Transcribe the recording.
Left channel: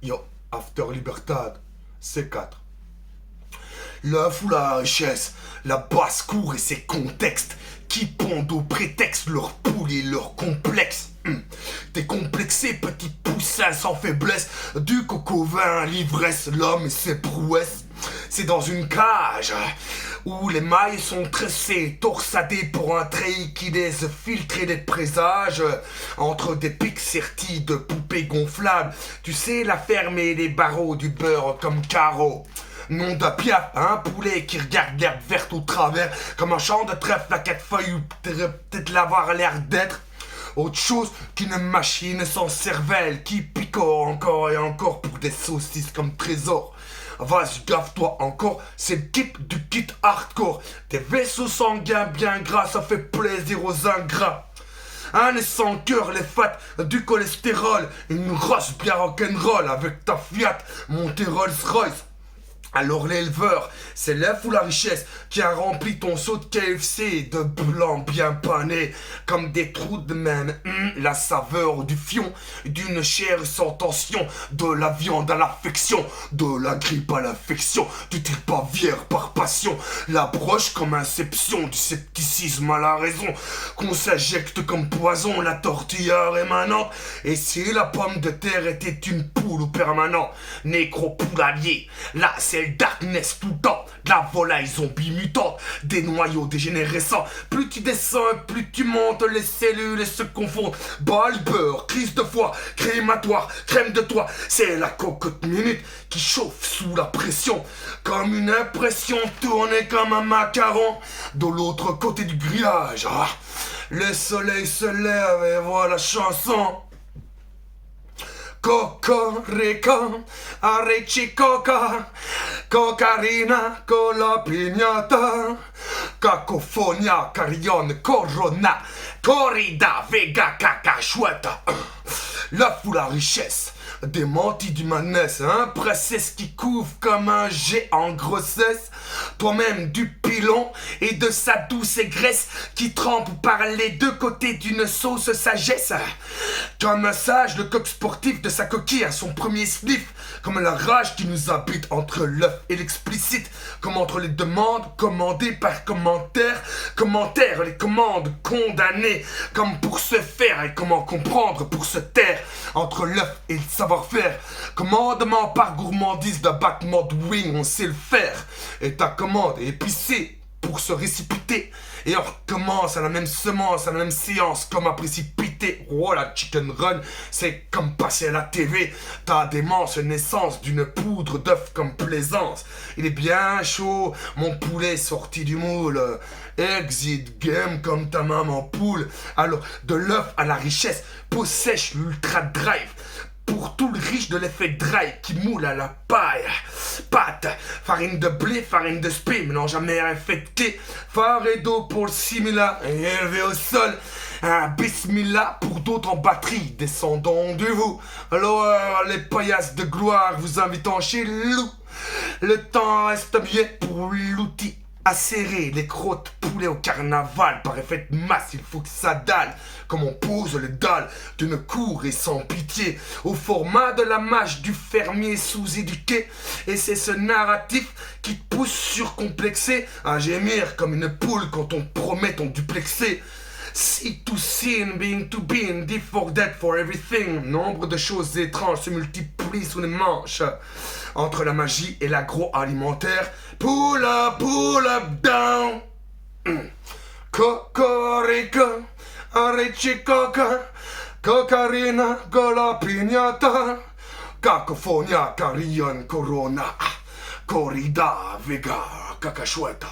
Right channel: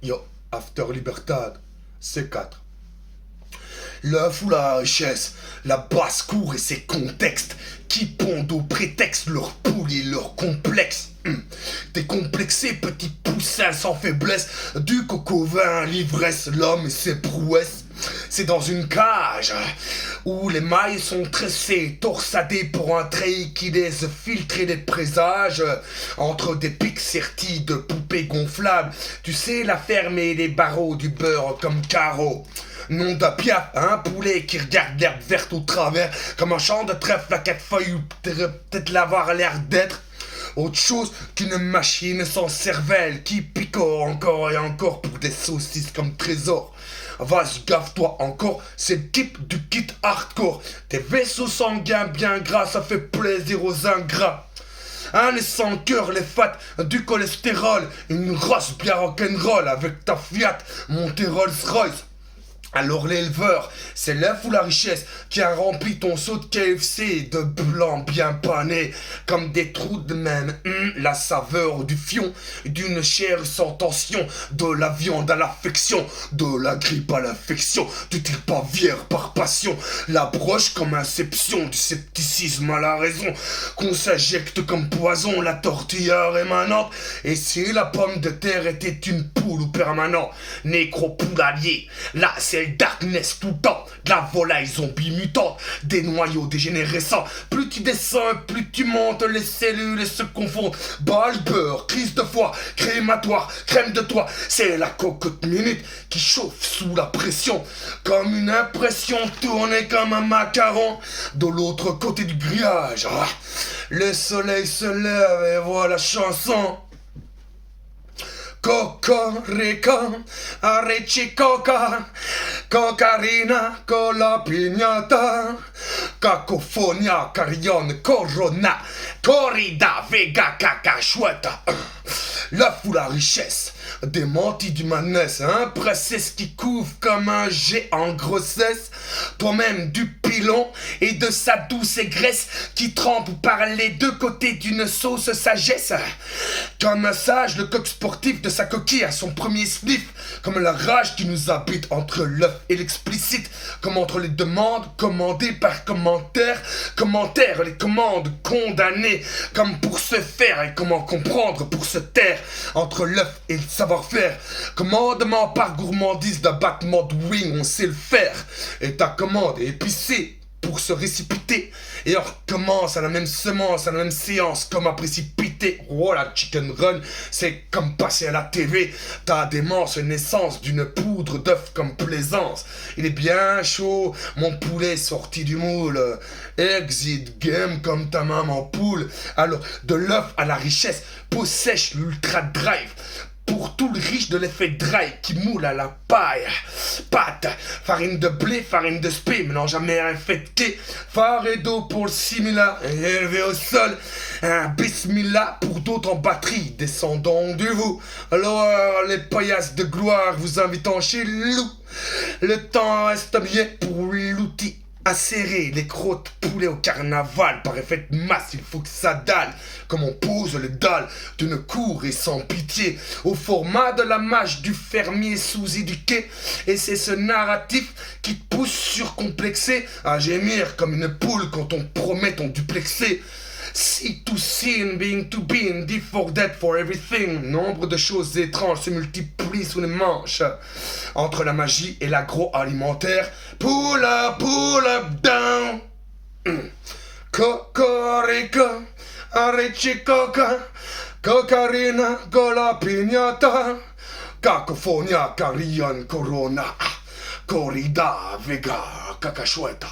Yo, After Libertad, C4. L'œuf ou la richesse, la basse-cour et ses contextes qui pondent au prétexte leur poule et leur complexe. Décomplexé, petit poussin sans faiblesse, du coco vin à l'ivresse, l'homme et ses prouesses. C'est dans une cage où les mailles sont tressées, torsadées pour un treillis qui laisse filtrer des présages entre des pics sertis de poupées gonflables. Tu sais, la ferme et les barreaux du beurre comme carreau. Nom de Piaf, un poulet qui regarde l'herbe verte au travers, comme un champ de trèfle à quatre feuilles où peut-être l'avoir l'air d'être. Autre chose qu'une machine sans cervelle qui picore encore et encore pour des saucisses comme trésor. Vas-y, gaffe-toi encore, c'est le type du kit hardcore. Tes vaisseaux sanguins bien gras, ça fait plaisir aux ingrats. Les sans cœur, les fats, du cholestérol, une roche bien rock'n'roll avec ta Fiat, montée Rolls-Royce. Alors l'éleveur, c'est l'œuf ou la richesse qui a rempli ton seau de KFC de blanc bien pané, comme des trous de même, la saveur du fion, d'une chair sans tension, de la viande à l'affection, de la grippe à l'infection, du type pavière par passion, la broche comme inception, du scepticisme à la raison, qu'on s'injecte comme poison, la tortilla rémanente, et si la pomme de terre était une poule ou permanent, nécro-poulalier, là c'est le darkness tout le temps, de la volaille zombie mutante, des noyaux dégénérescents. Plus tu descends, plus tu montes, les cellules se confondent. Bas le beurre, crise de foie, crématoire, crème de toit. C'est la cocotte minute qui chauffe sous la pression, comme une impression tournée comme un macaron de l'autre côté du grillage. Le soleil se lève et voilà la chanson. Cocorica, Arechicoca, Cocarina, Cola Pignata, Cacofonia, Carillon, Corona, Corrida, Vega, Caca, Chouette. L'œuf ou la richesse, démenti du manès, un princesse qui couvre comme un jet en grossesse, toi-même du pilon et de sa douce graisse qui trempe par les deux côtés d'une sauce sagesse. Comme un sage, le coq sportif de sa coquille à son premier sniff, comme la rage qui nous habite entre l'œuf et l'explicite, comme entre les demandes commandées par commentaires, les commandes condamnées, comme pour se faire et comment comprendre pour se taire, entre l'œuf et le savoir-faire, commandement par gourmandise d'un battement de wing, on sait le faire, et ta commande est épicée pour se récipiter, et on recommence à la même semence, à la même séance, comme à précipiter. Oh la chicken run, c'est comme passer à la TV, ta démence naissance d'une poudre d'œuf comme plaisance. Il est bien chaud, mon poulet sorti du moule, exit game comme ta maman poule. Alors de l'œuf à la richesse, peau sèche, l'ultra drive. Pour tout le riche de l'effet dry qui moule à la paille. Pâte, farine de blé, farine de spé, mélange amer infecté. Phare et d'eau pour le simila, élevé au sol. Un bismillah pour d'autres en batterie, descendons du vous. Alors les paillasses de gloire vous invitant chez loup. Le temps reste bien pour l'outil. Acérer les crottes poulet au carnaval, par effet de masse, il faut que ça dalle. Comme on pose le dalle d'une cour et sans pitié, au format de la mâche du fermier sous-éduqué. Et c'est ce narratif qui te pousse surcomplexé à gémir comme une poule quand on promet ton duplexé. See to sin, being to being, deep for dead for everything. Nombre de choses étranges se multiplient sous les manches. Entre la magie et l'agroalimentaire. Pull up down. Cocorica, Arechicoca, Cocarina, Cola Pignata, Cacofonia, Carillon, Corona, Corrida, Vega, Cacachueta.